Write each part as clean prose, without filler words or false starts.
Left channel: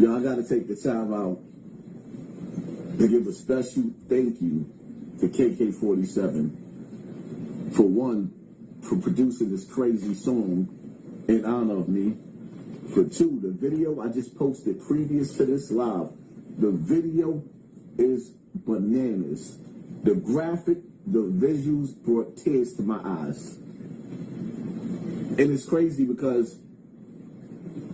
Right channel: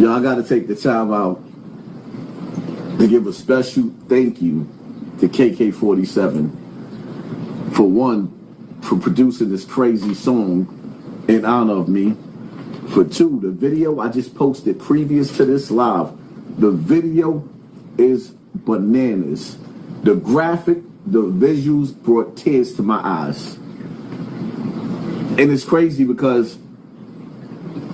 Y'all got to take the time out to give a special thank you to KK47 for one, for producing this crazy song in honor of me. For two, the video I just posted previous to this live, the video is bananas. The graphic, the visuals brought tears to my eyes. And it's crazy because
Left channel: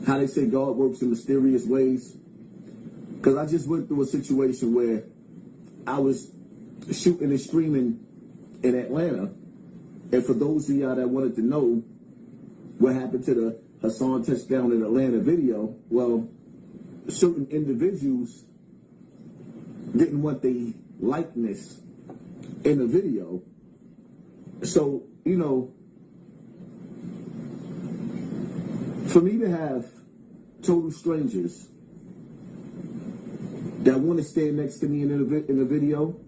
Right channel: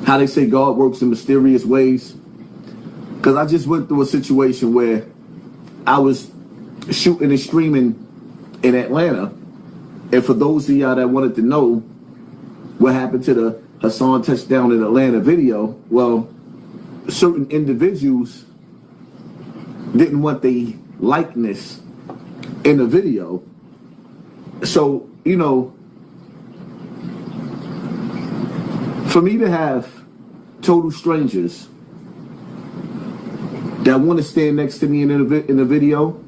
how they say God works in mysterious ways. Because I just went through a situation where I was shooting and streaming in Atlanta. And for those of y'all that wanted to know what happened to the Hassan Touchdown in Atlanta video, well, certain individuals didn't want the likeness in the video. So, you know, for me to have total strangers that want to stand next to me in the video,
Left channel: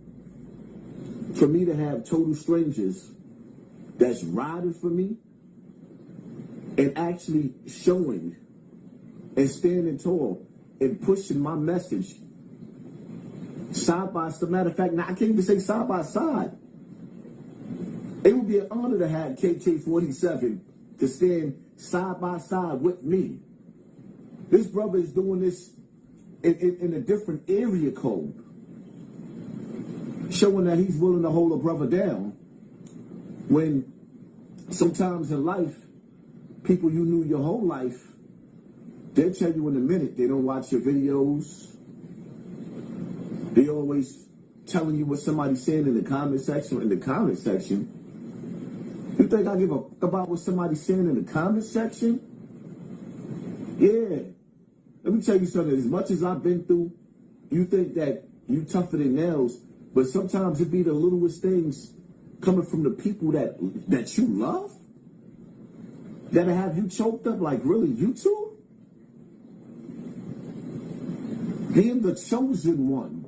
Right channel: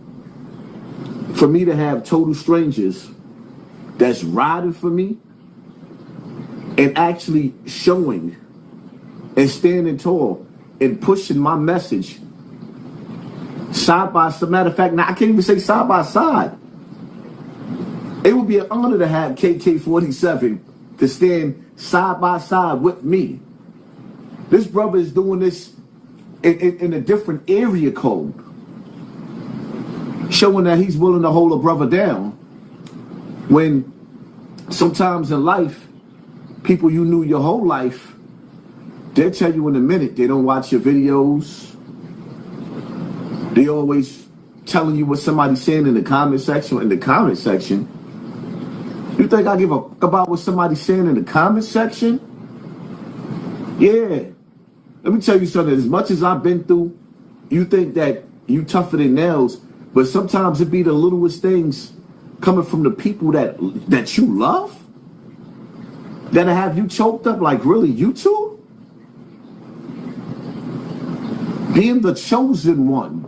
for me to have total strangers that's riding for me and actually showing and standing tall and pushing my message side by side. Matter of fact, now I can't even say side by side. It would be an honor to have KK47 to stand side by side with me. This brother is doing this in a different area code, showing that he's willing to hold a brother down when sometimes in life, people you knew your whole life, they'll tell you in a minute they don't watch your videos. They always telling you what somebody's saying in the comment section. In the comment section, you think I give a fuck about what somebody's saying in the comment section? Yeah. Let me tell you something. As much as I've been through, you think that you tougher than nails, but sometimes it be the littlest things coming from the people that you love that'll have you choked up. Like, really, you two? Being the chosen one,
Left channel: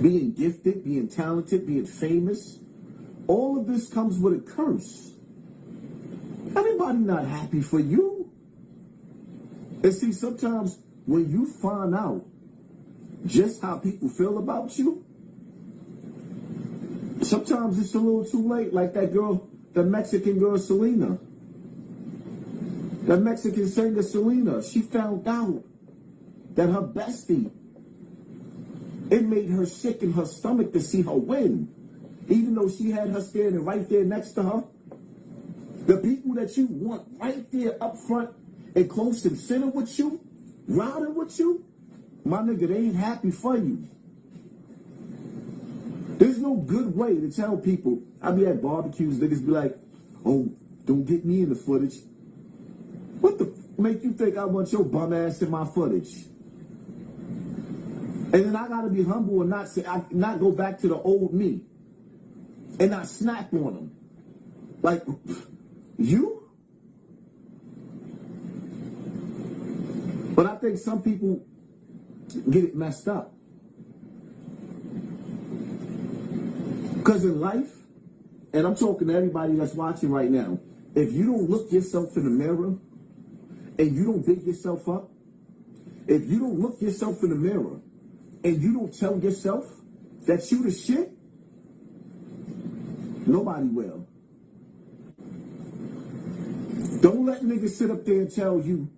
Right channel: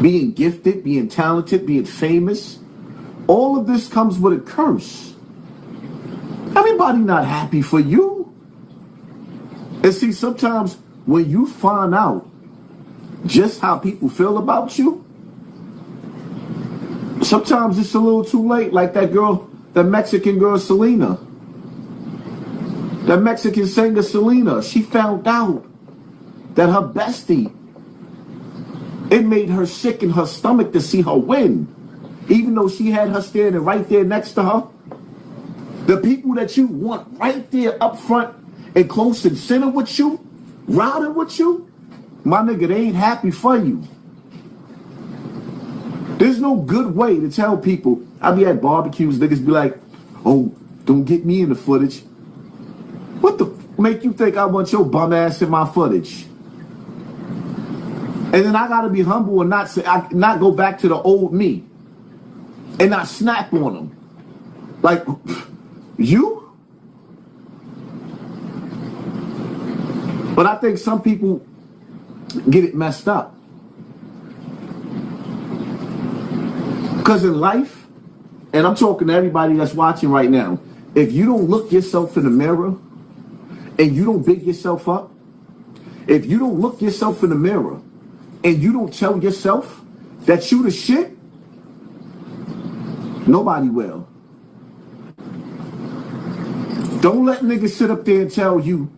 being gifted, being talented, being famous, all of this comes with a curse. Everybody not happy for you. And see, sometimes when you find out just how people feel about you, sometimes it's a little too late. Like that girl, the Mexican girl, Selena. The Mexican singer, Selena. She found out that her bestie, it made her sick in her stomach to see her win. Even though she had her standing right there next to her. The people that you want right there up front and close and center with you, riding with you, my nigga, they ain't happy for you. There's no good way to tell people. I be at barbecues, niggas be like, oh, don't get me in the footage. What the make you think I want your bum ass in my footage? And then I gotta be humble and not go back to the old me and not snap on them. Like, you? But I think some people get it messed up. Because in life, and I'm talking to everybody that's watching right now, if you don't look yourself in the mirror and you don't big yourself up, if you don't look yourself in the mirror and you don't tell yourself that you the shit, nobody will. Don't let niggas sit up there and tell you,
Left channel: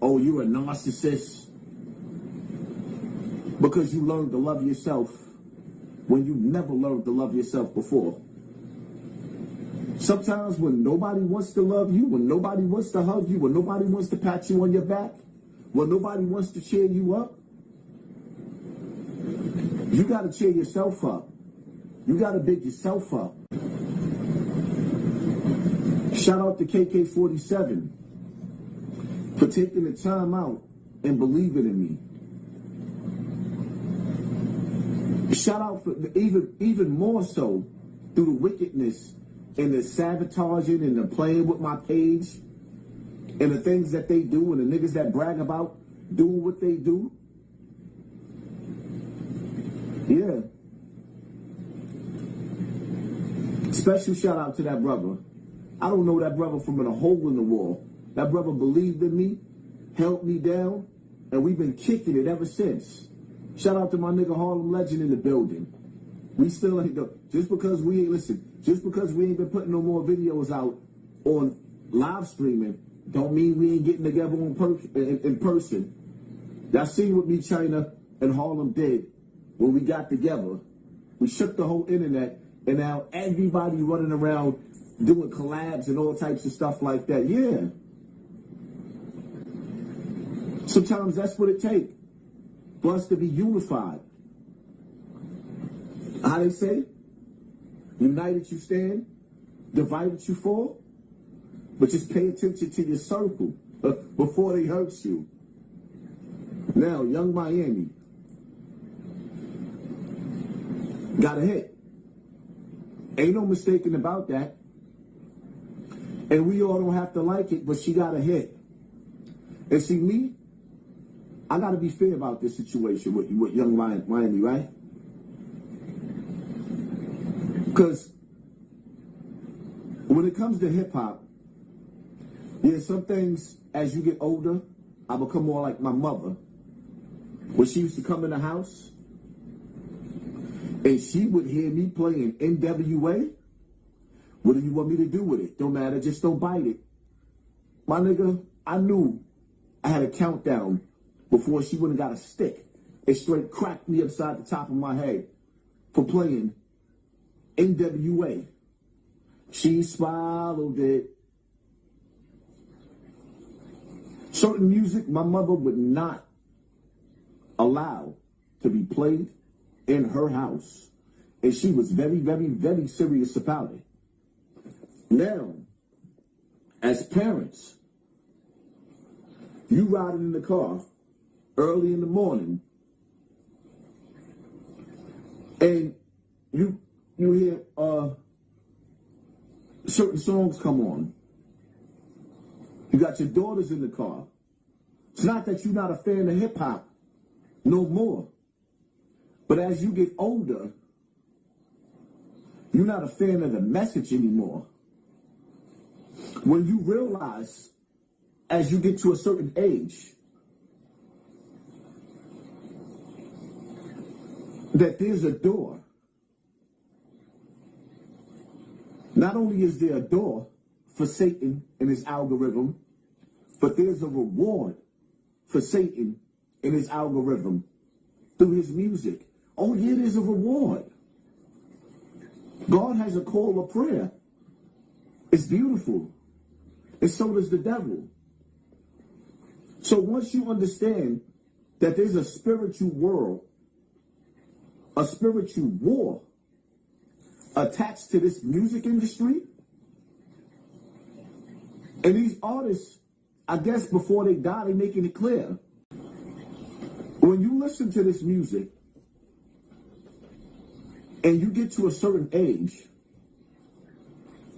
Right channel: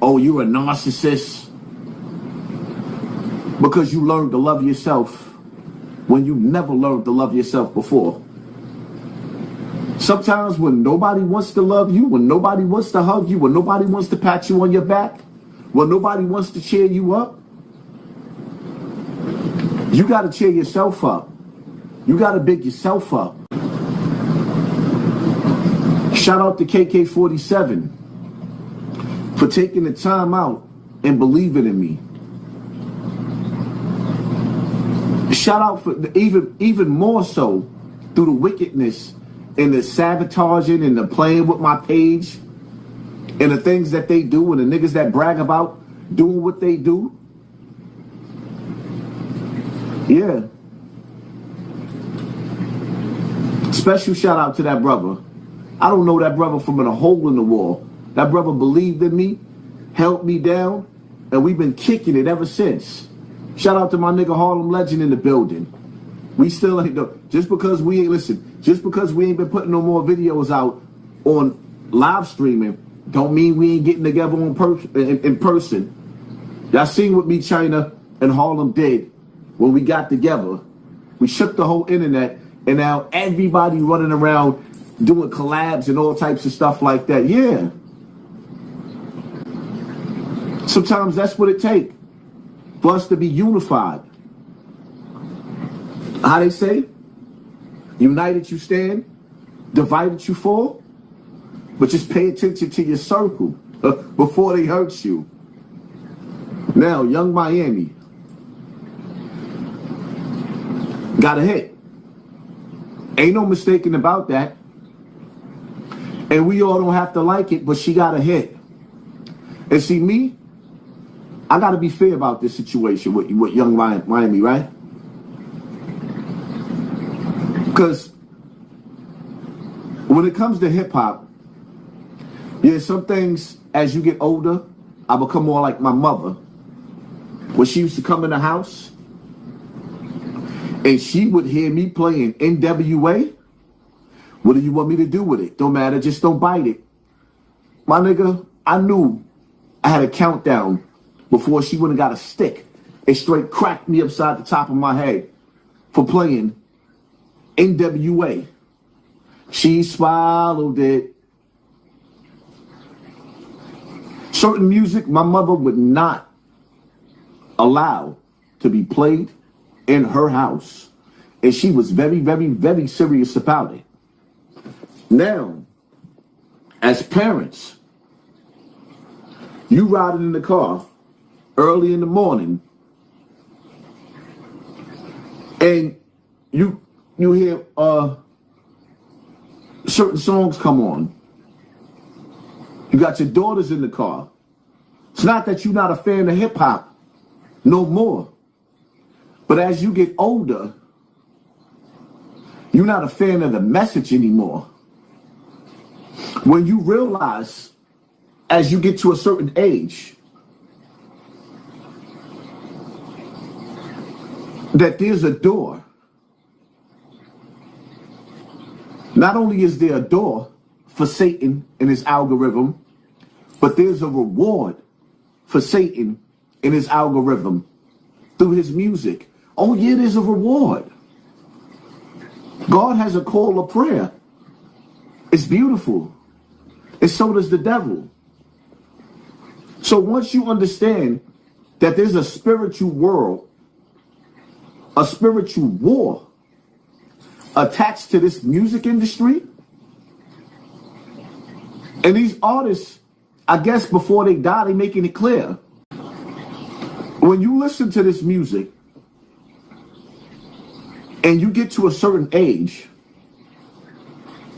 oh, you're a narcissist because you learned to love yourself when you never learned to love yourself before. Sometimes when nobody wants to love you, when nobody wants to hug you, when nobody wants to pat you on your back, when nobody wants to cheer you up, you got to cheer yourself up. You got to big yourself up. Shout out to KK47 for taking the time out and believing in me. Shout out for even more so through the wickedness and the sabotaging and the playing with my page and the things that they do and the niggas that brag about doing what they do. Yeah. Special shout out to that brother. I don't know that brother from a hole in the wall. That brother believed in me, held me down, and we've been kicking it ever since. Shout out to my nigga Harlem Legend in the building. We still ain't just because we ain't been putting no more videos out on live streaming, don't mean we ain't getting together in person. Y'all seen what me, China, and Harlem did when we got together. We shook the whole internet, and now everybody running around doing collabs and all types of stuff like that. Yeah. Sometimes that's what it takes for us to be unified. How they say? United you stand, divided you fall. But just pay attention to your circle before they hurt you. Now, Young Miami got a hit. Ain't no mistaking about that. And we all don't have to like it, but she got a hit. And see, me, I got to be fair about this situation with Young Miami, right? Because when it comes to hip hop, yeah, some things as you get older, I become more like my mother. When she used to come in the house and she would hear me playing NWA, what do you want me to do with it? Don't matter, just don't bite it. My nigga, I knew I had a countdown before she wouldn't got a stick. It straight cracked me upside the top of my head for playing NWA. She swallowed it. Certain music my mother would not allow to be played in her house. And she was very, very, very serious about it. Now, as parents, you riding in the car early in the morning and you hear certain songs come on. You got your daughters in the car. It's not that you're not a fan of hip hop no more. But as you get older, you're not a fan of the message anymore. When you realize, as you get to a certain age, that there's a door. Not only is there a door for Satan and his algorithm, but there's a reward for Satan and his algorithm through his music. Oh yeah, there's a reward. God has a call of prayer. It's beautiful. And so does the devil. So once you understand that there's a spiritual world, a spiritual war attached to this music industry, and these artists, I guess before they die, they making it clear. When you listen to this music and you get to a certain age,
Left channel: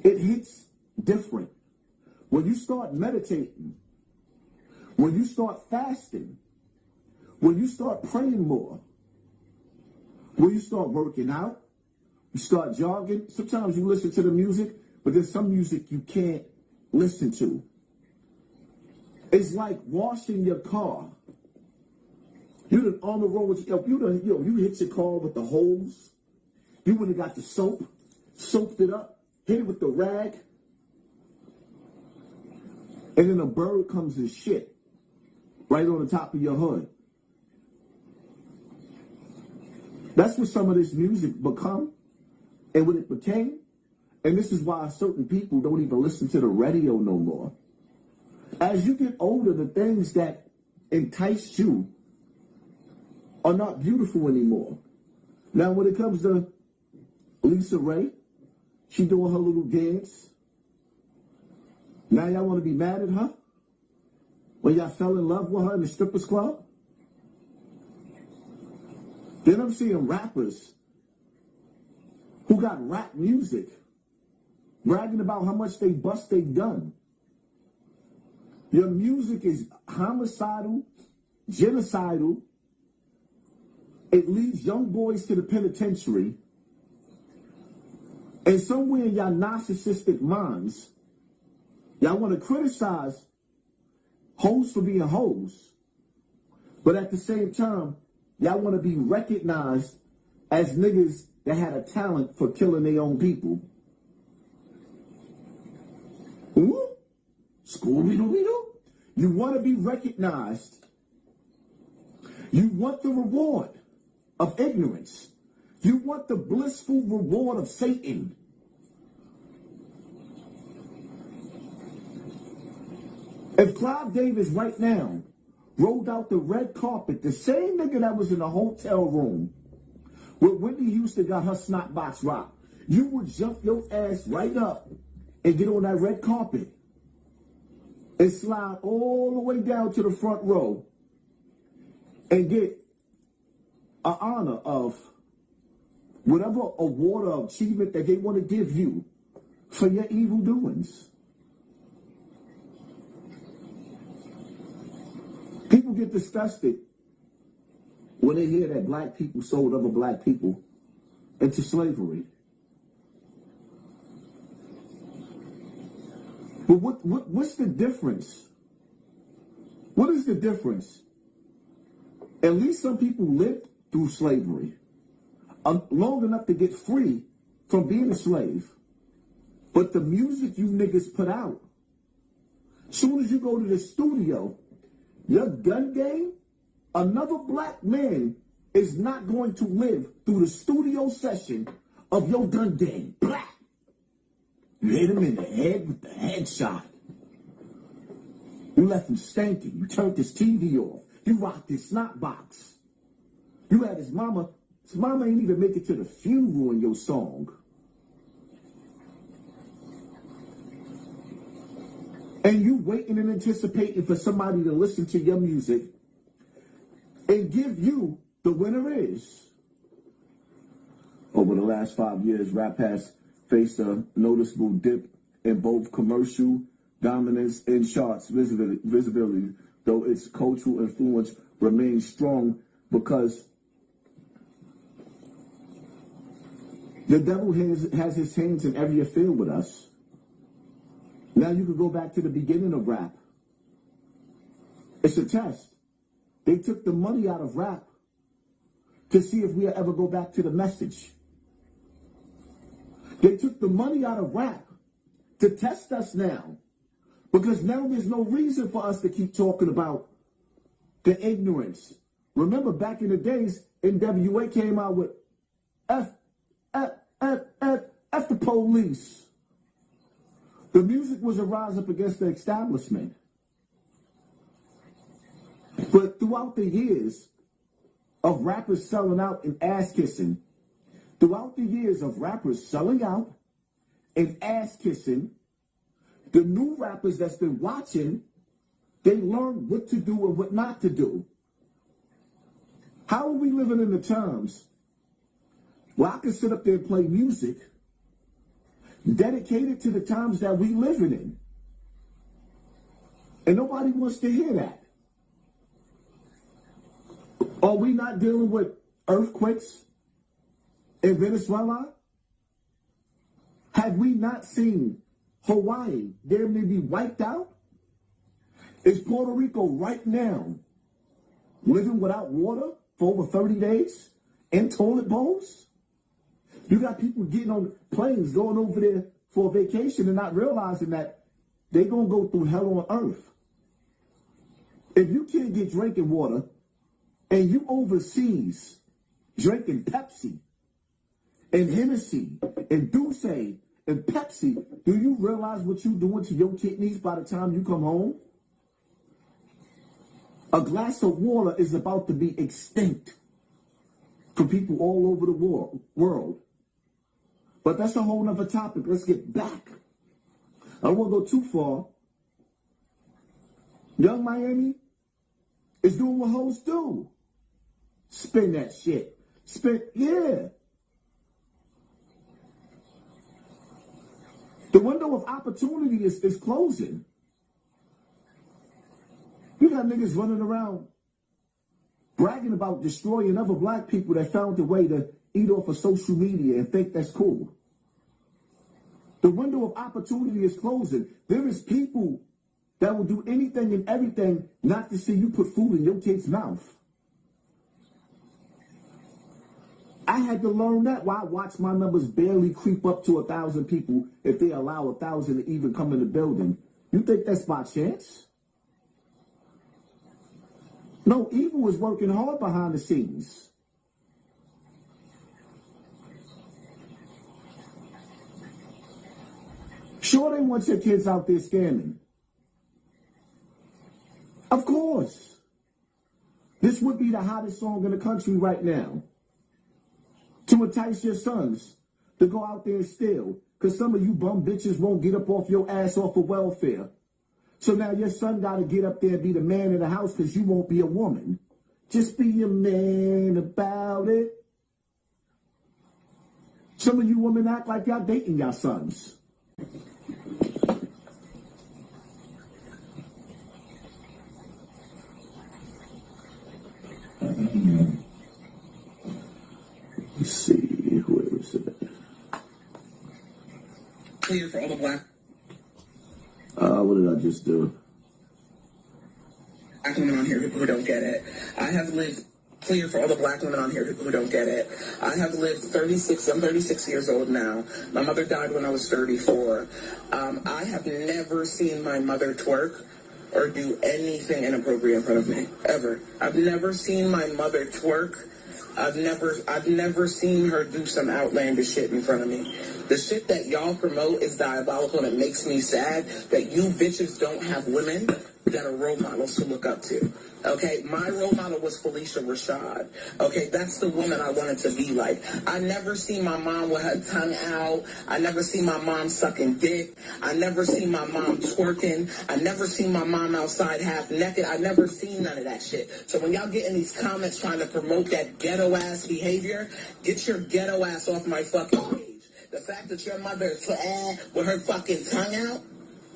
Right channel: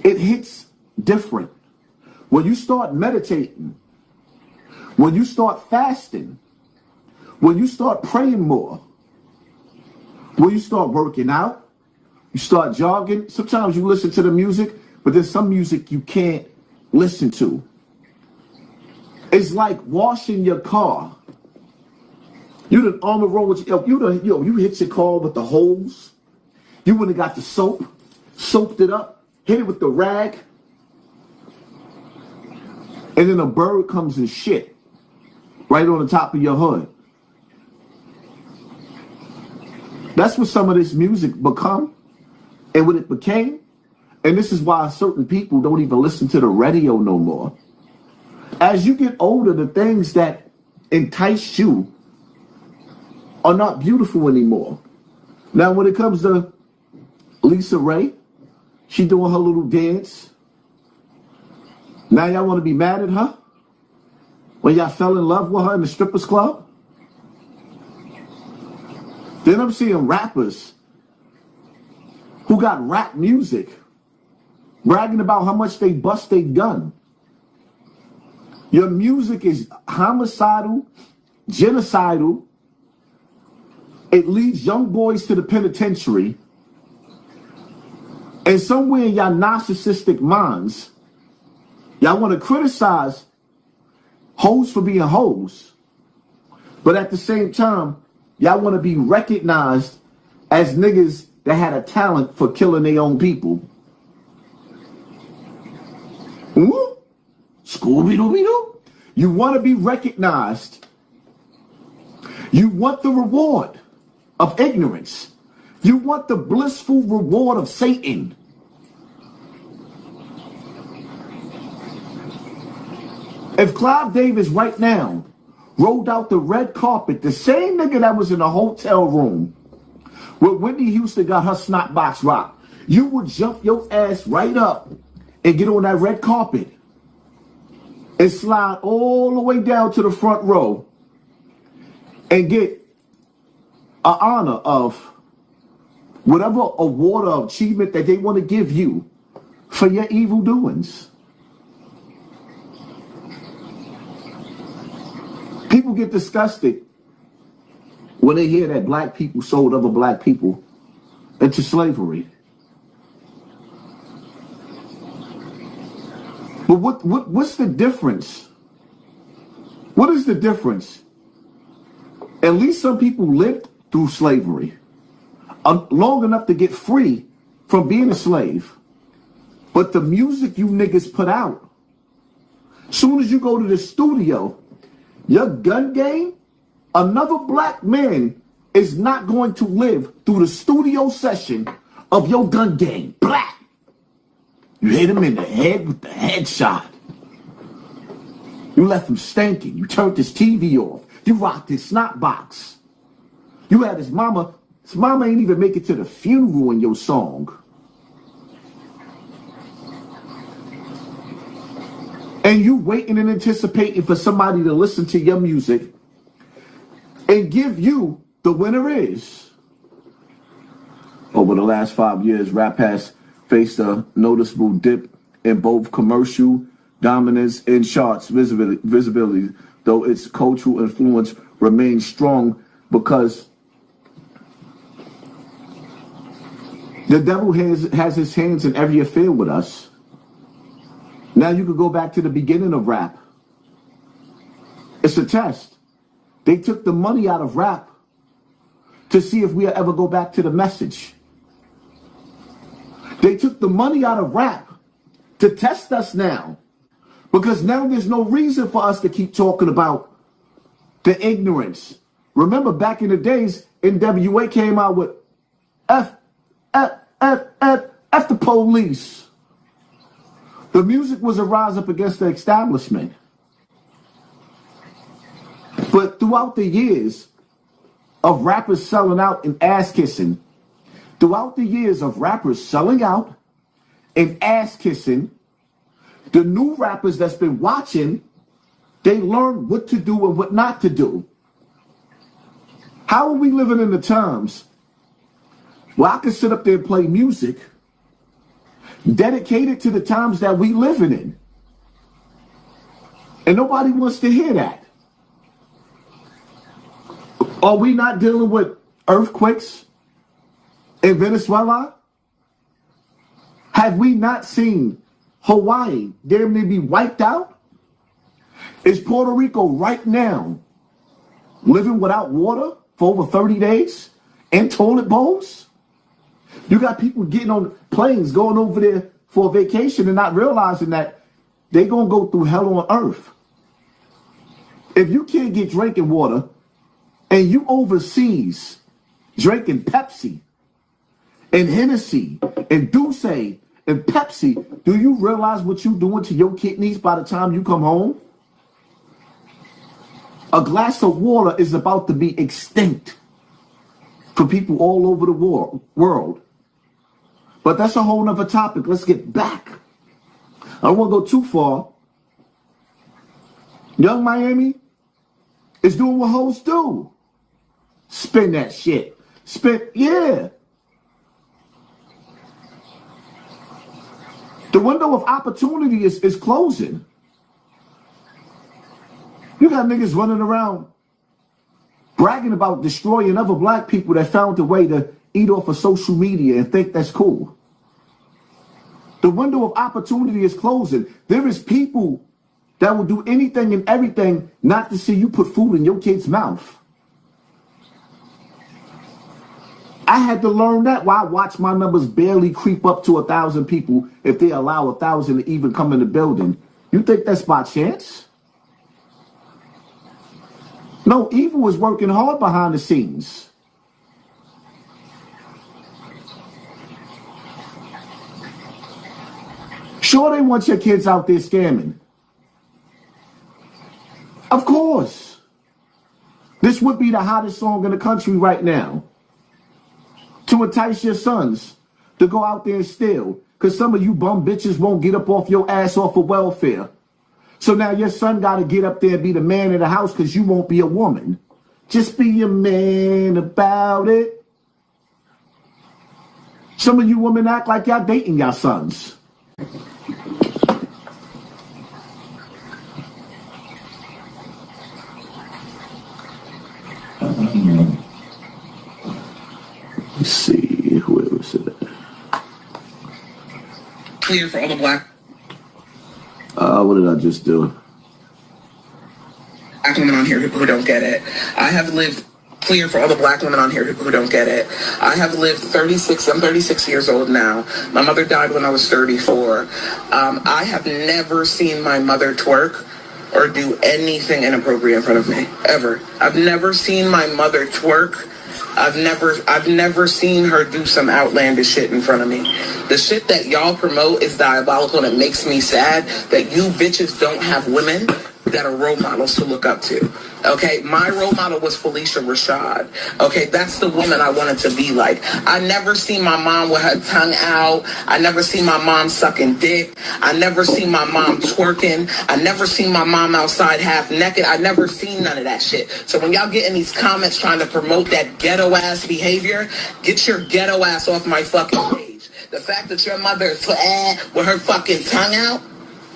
it hits different. When you start meditating, when you start fasting, when you start praying more, when you start working out, you start jogging. Sometimes you listen to the music, but there's some music you can't listen to. It's like washing your car. You done on the road with you hit your car with the hose. You would've got the soap, soaped it up, hit it with the rag, and then a bird comes and shit right on the top of your hood. That's what some of this music become and what it became. And this is why certain people don't even listen to the radio no more. As you get older, the things that entice you are not beautiful anymore. Now, when it comes to Lisa Ray, she doing her little dance. Now y'all want to be mad at her? When y'all fell in love with her in the strippers club? Then I'm seeing rappers who got rap music bragging about how much they bust their gun. Your music is homicidal, genocidal. It leads young boys to the penitentiary. And somewhere in y'all narcissistic minds, y'all want to criticize hoes for being hoes. But at the same time, y'all want to be recognized as niggas that had a talent for killing their own people. Scooby-Dooby-Doo. You want to be recognized. You want the reward of ignorance. You want the blissful reward of Satan. If Clive Davis right now rolled out the red carpet, the same nigga that was in a hotel room where Whitney Houston got her snot box rocked, you would jump your ass right up and get on that red carpet and slide all the way down to the front row and get an honor of whatever award of achievement that they want to give you for your evil doings. People get disgusted when they hear that black people sold other black people into slavery. But what's the difference? What is the difference? At least some people lived through slavery long enough to get free from being a slave. But the music you niggas put out, soon as you go to the studio, your gun game, another black man is not going to live through the studio session of your gun game. Black. You hit him in the head with the headshot. You left him stinking. You turned his TV off. You rocked his snot box. You had his mama ain't even make it to the funeral in your song. And you waiting and anticipating for somebody to listen to your music and give you the winner is. Over the last 5 years, rap has faced a noticeable dip in both commercial dominance and charts visibility, though its cultural influence remains strong because the devil has his hands in every affair with us. Now you could go back to the beginning of rap. It's a test. They took the money out of rap to see if we'll ever go back to the message. They took the money out of rap to test us now. Because now there's no reason for us to keep talking about the ignorance. Remember back in the days, NWA came out with F the police. The music was a rise up against the establishment. But throughout the years of rappers selling out and ass kissing, throughout the years of rappers selling out and ass kissing, the new rappers that's been watching, they learn what to do and what not to do. How are we living in the times where I can sit up there and play music dedicated to the times that we living in? And nobody wants to hear that. Are we not dealing with earthquakes in Venezuela? Have we not seen Hawaii damn near be wiped out? Is Puerto Rico right now living without water for over 30 days and toilet bowls? You got people getting on planes going over there for a vacation and not realizing that they're going to go through hell on earth. If you can't get drinking water and you overseas drinking Pepsi and Hennessy and Douce and Pepsi, do you realize what you're doing to your kidneys by the time you come home? A glass of water is about to be extinct for people all over the world. But that's a whole nother topic. Let's get back. I don't want to go too far. Young Miami is doing what hoes do. Spin that shit. Yeah. The window of opportunity is closing. You got niggas running around bragging about destroying other black people that found a way to eat off of social media and think that's cool. The window of opportunity is closing. There is people that will do anything and everything not to see you put food in your kid's mouth. I had to learn that while I watch my numbers barely creep up to 1,000 people if they allow 1,000 to even come in the building. You think that's by chance? No, evil is working hard behind the scenes. Sure, they want your kids out there scamming. Of course. This would be the hottest song in the country right now. To entice your sons to go out there and steal. Because some of you bum bitches won't get up off your ass off of welfare. So now your son got to get up there and be the man of the house because you won't be a woman. Just be a man about it. Some of you women act like y'all dating y'all sons. Let's see, whoever said that. Clear for all the black. What did I just do? Black women on here who don't get it. I have lived clear for all the black women on here who don't get it. I have lived I'm 36 years old now. My mother died when I was 34. I have never seen my mother twerk or do anything inappropriate in front of me, ever. I've never seen my mother twerk. I've never seen her do some outlandish shit in front of me. The shit that y'all promote is diabolical, and it makes me sad that you bitches don't have women that are role models to look up to. Okay, my role model was Felicia Rashad. Okay, that's the woman I wanted to be like. I never seen my mom with her tongue out. I never seen my mom sucking dick. I never seen my mom twerking. I never seen my mom outside half naked. I never seen none of that shit. So when y'all get in these comments trying to promote that ghetto ass behavior, get your ghetto ass off my fucking page. The fact that your mother is with her fucking tongue out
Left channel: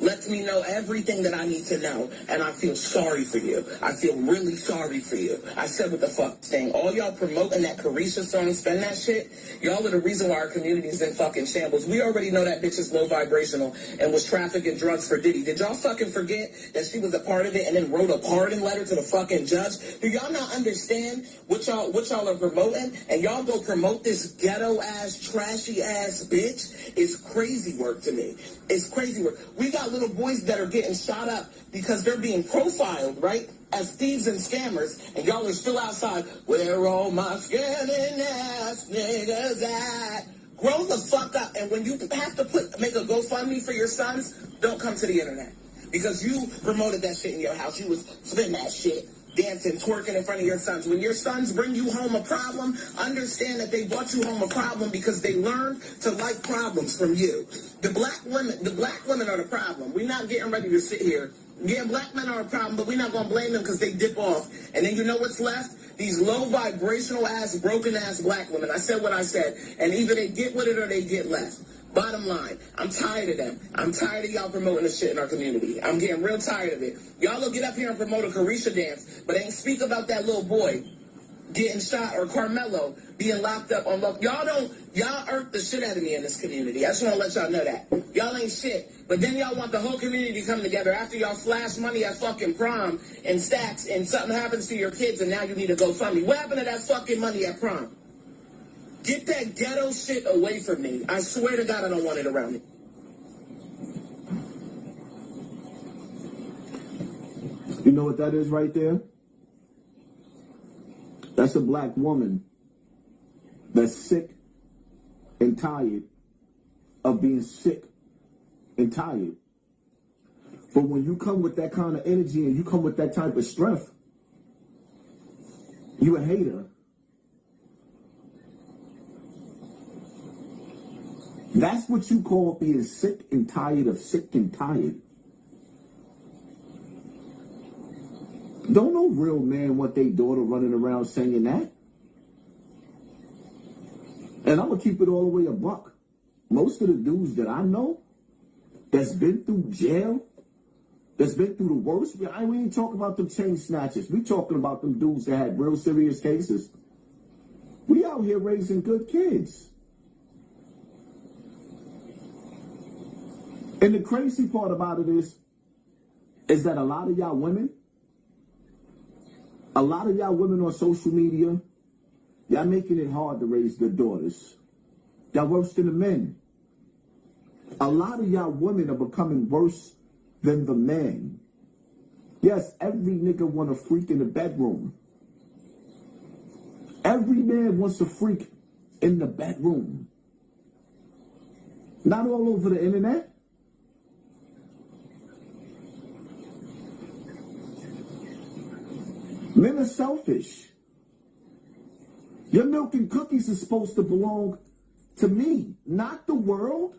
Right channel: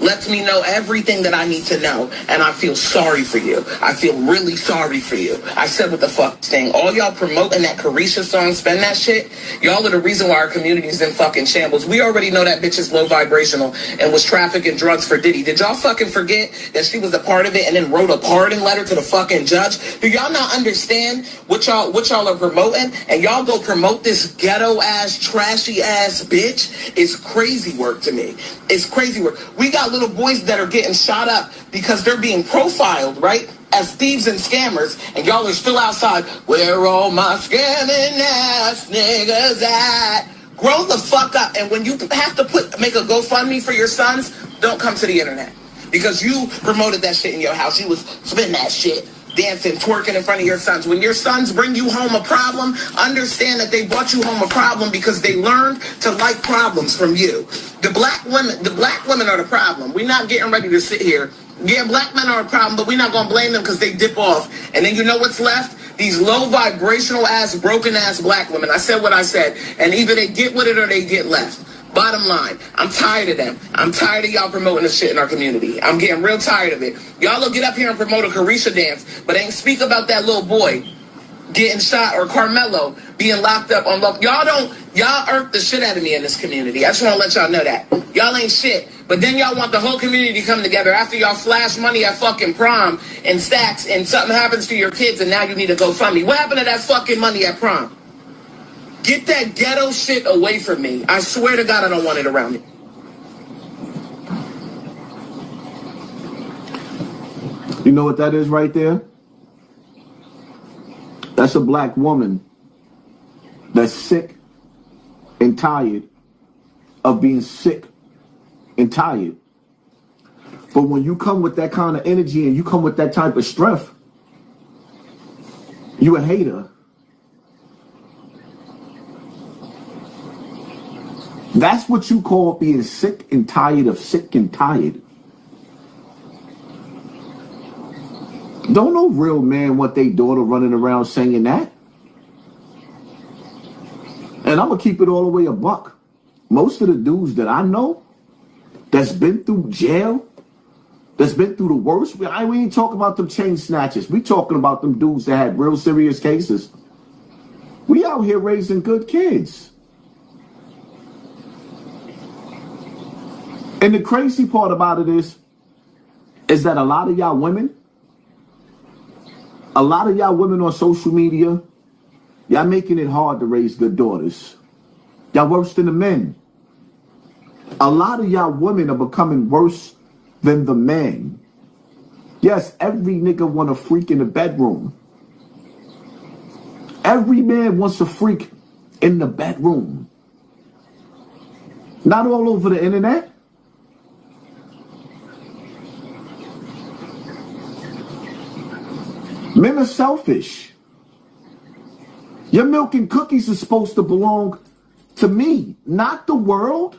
lets me know everything that I need to know, and I feel sorry for you. I feel really sorry for you. I said what the fuck thing. All y'all promoting that Carisha song, spend that shit, y'all are the reason why our community is in fucking shambles. We already know that bitch is low vibrational and was trafficking drugs for Diddy. Did y'all fucking forget that she was a part of it and then wrote a pardon letter to the fucking judge? Do y'all not understand what y'all are promoting? And y'all go promote this ghetto ass, trashy ass bitch? It's crazy work to me. It's crazy work. We got little boys that are getting shot up because they're being profiled, right, as thieves and scammers, and y'all are still outside. Where all my scamming ass niggas at? Grow the fuck up. And when you have to make a GoFundMe for your sons, don't come to the internet, because you promoted that shit in your house. You was spending that shit, dancing, twerking in front of your sons. When your sons bring you home a problem, understand that they brought you home a problem because they learned to like problems from you. The black women are the problem. We're not getting ready to sit here. Yeah, black men are a problem, but we're not going to blame them because they dip off. And then you know what's left? These low vibrational ass, broken ass black women. I said what I said. And either they get with it or they get left. Bottom line, I'm tired of them. I'm tired of y'all promoting this shit in our community. I'm getting real tired of it. Y'all will get up here and promote a Carisha dance, but ain't speak about that little boy getting shot or Carmelo being locked up on love. Y'all irk the shit out of me in this community. I just want to let y'all know that. Y'all ain't shit. But then y'all want the whole community to come together after y'all flash money at fucking prom and stacks, and something happens to your kids and now you need to go fund me. What happened to that fucking money at prom? Get that ghetto shit away from me. I swear to God, I don't want it around me. You know what that is right there? That's a black woman that's sick and tired of being sick and tired. But when you come with that kind of energy and you come with that type of strength, you a hater. That's what you call being sick and tired of sick and tired. Don't no real man want their daughter running around singing that. And I'm going to keep it all the way a buck. Most of the dudes that I know that's been through jail, that's been through the worst, we ain't talking about them chain snatchers. We talking about them dudes that had real serious cases. We out here raising good kids. And the crazy part about it is, is that a lot of y'all women on social media, y'all making it hard to raise good daughters. Y'all worse than the men. A lot of y'all women are becoming worse than the men. Yes, every nigga want a freak in the bedroom. Every man wants a freak in the bedroom. Not all over the internet. Men are selfish. Your milk and cookies are supposed to belong to me, not the world.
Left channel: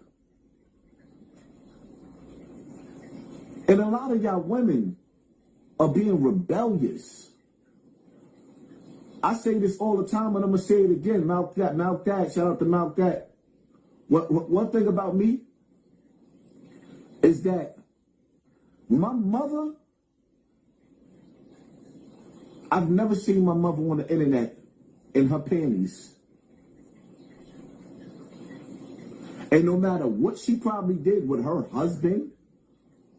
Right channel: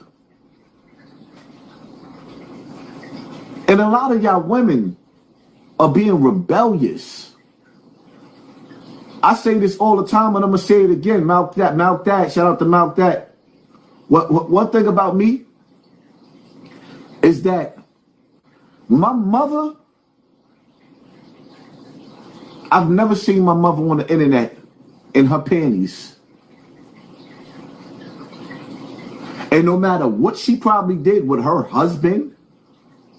And a lot of y'all women are being rebellious. I say this all the time, and I'm going to say it again. Mouth that. Shout out to Mouth that. One thing about me is that my mother, I've never seen my mother on the internet in her panties. And no matter what she probably did with her husband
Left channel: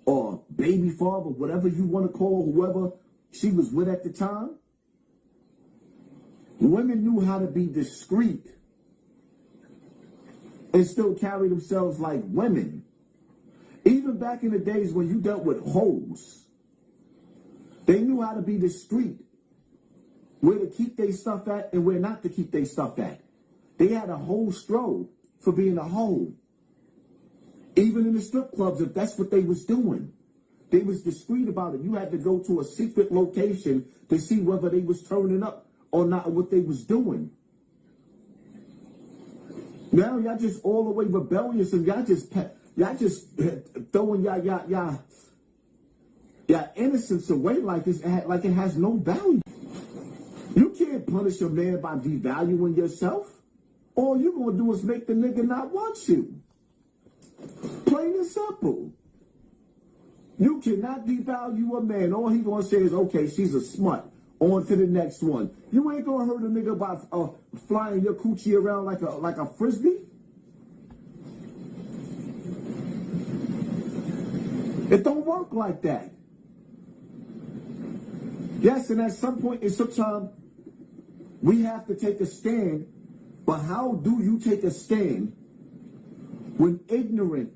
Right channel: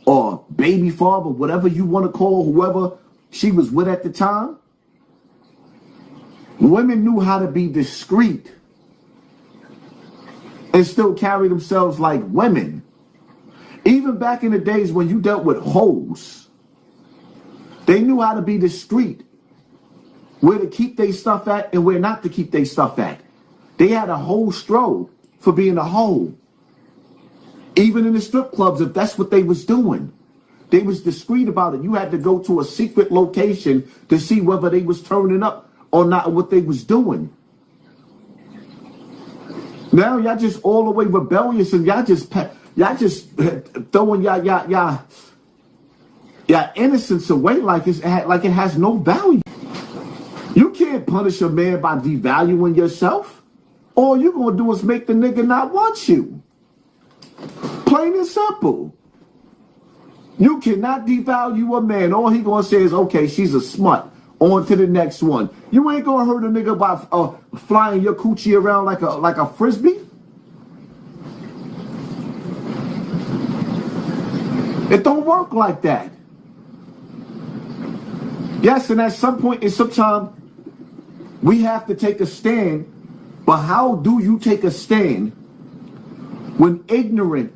or baby father, whatever you want to call whoever she was with at the time, women knew how to be discreet and still carry themselves like women. Even back in the days when you dealt with hoes, they knew how to be discreet, where to keep their stuff at and where not to keep their stuff at. They had a whole stroll for being a hoe. Even in the strip clubs, if that's what they was doing, they was discreet about it. You had to go to a secret location to see whether they was turning up or not, what they was doing. Now y'all just all the way rebellious, and y'all just throwing y'all innocence away like it has no value. You can't punish a man by devaluing yourself. All you're gonna do is make the nigga not want you. Plain and simple. You cannot devalue a man. All he gonna say is, okay, she's a smut. On to the next one. You ain't gonna hurt a nigga by flying your coochie around like a frisbee. It don't work like that. Yes, and at some point in some time, we have to take a stand. But how do you take a stand when ignorance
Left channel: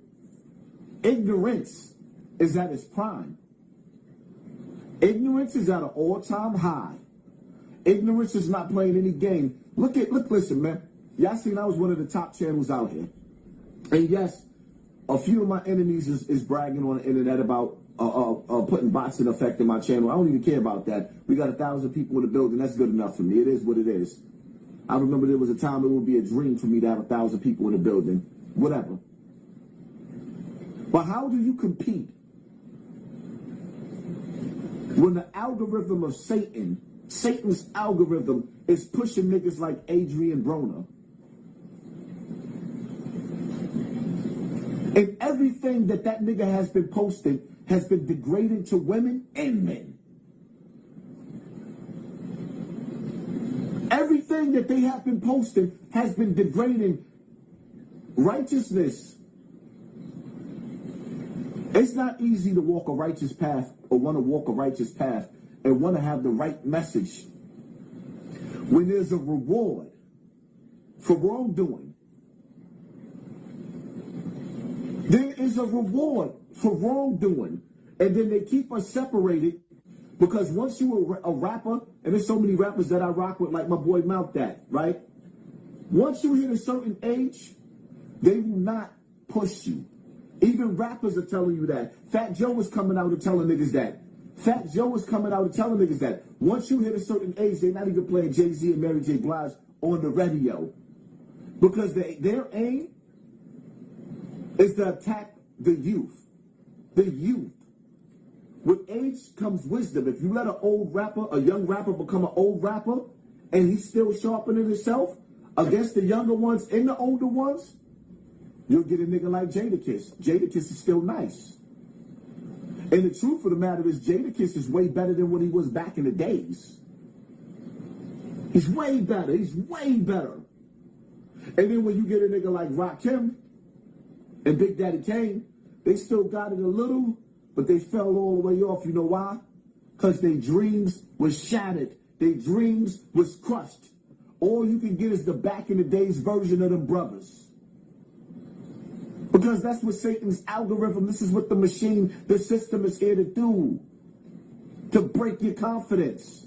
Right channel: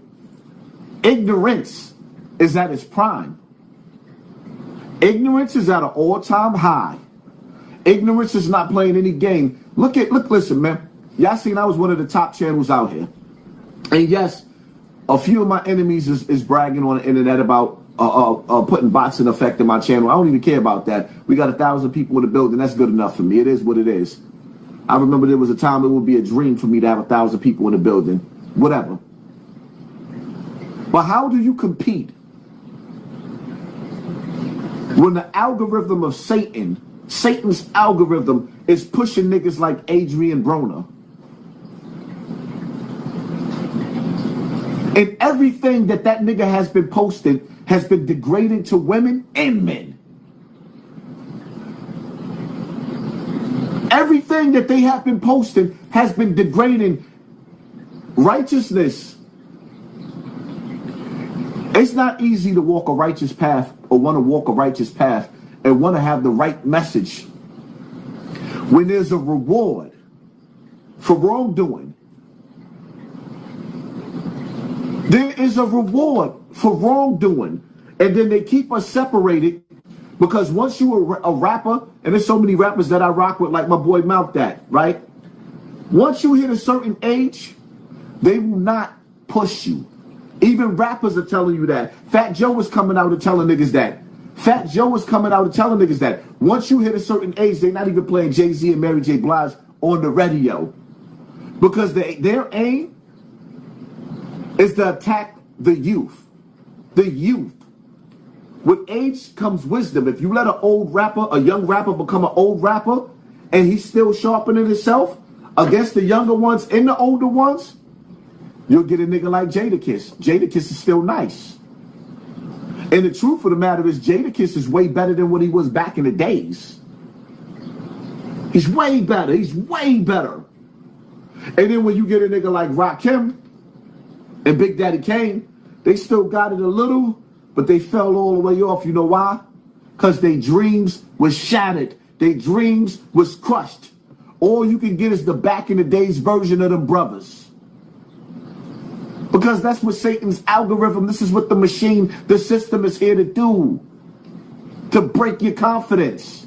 is at its prime? Ignorance is at an all-time high. Ignorance is not playing any game. Listen, man. Y'all seen I was one of the top channels out here. And yes, a few of my enemies is bragging on the internet about putting bots in effect in my channel. I don't even care about that. We got 1,000 people in the building. That's good enough for me. It is what it is. I remember there was a time it would be a dream for me to have 1,000 people in the building. Whatever. But how do you compete when the algorithm of Satan's algorithm is pushing niggas like Adrian Broner? And everything that nigga has been posted has been degraded to women and men. Everything that they have been posting has been degrading righteousness. It's not easy to walk a righteous path or want to walk a righteous path and want to have the right message when there's a reward for wrongdoing. There is a reward for wrongdoing. And then they keep us separated because once you're a rapper, and there's so many rappers that I rock with, like my boy Mouth That, right? Once you hit a certain age, they will not push you. Even rappers are telling you that. Fat Joe is coming out and telling niggas that. Fat Joe is coming out and telling niggas that. Once you hit a certain age, they're not even playing Jay-Z and Mary J. Blige on the radio. Because their aim is to attack the youth. The youth. With age comes wisdom. If you let a young rapper become an old rapper, and he's still sharpening himself against the younger ones and the older ones, you'll get a nigga like Jadakiss. Jadakiss is still nice. And the truth of the matter is, Jadakiss is way better than what he was back in the days. He's way better. He's way better. And then when you get a nigga like Rakim and Big Daddy Kane, they still got it a little but they fell all the way off. You know why? Because their dreams was shattered. Their dreams was crushed. All you can get is the back in the days version of them brothers. Because that's what Satan's algorithm, this is what the machine, the system is here to do. To break your confidence.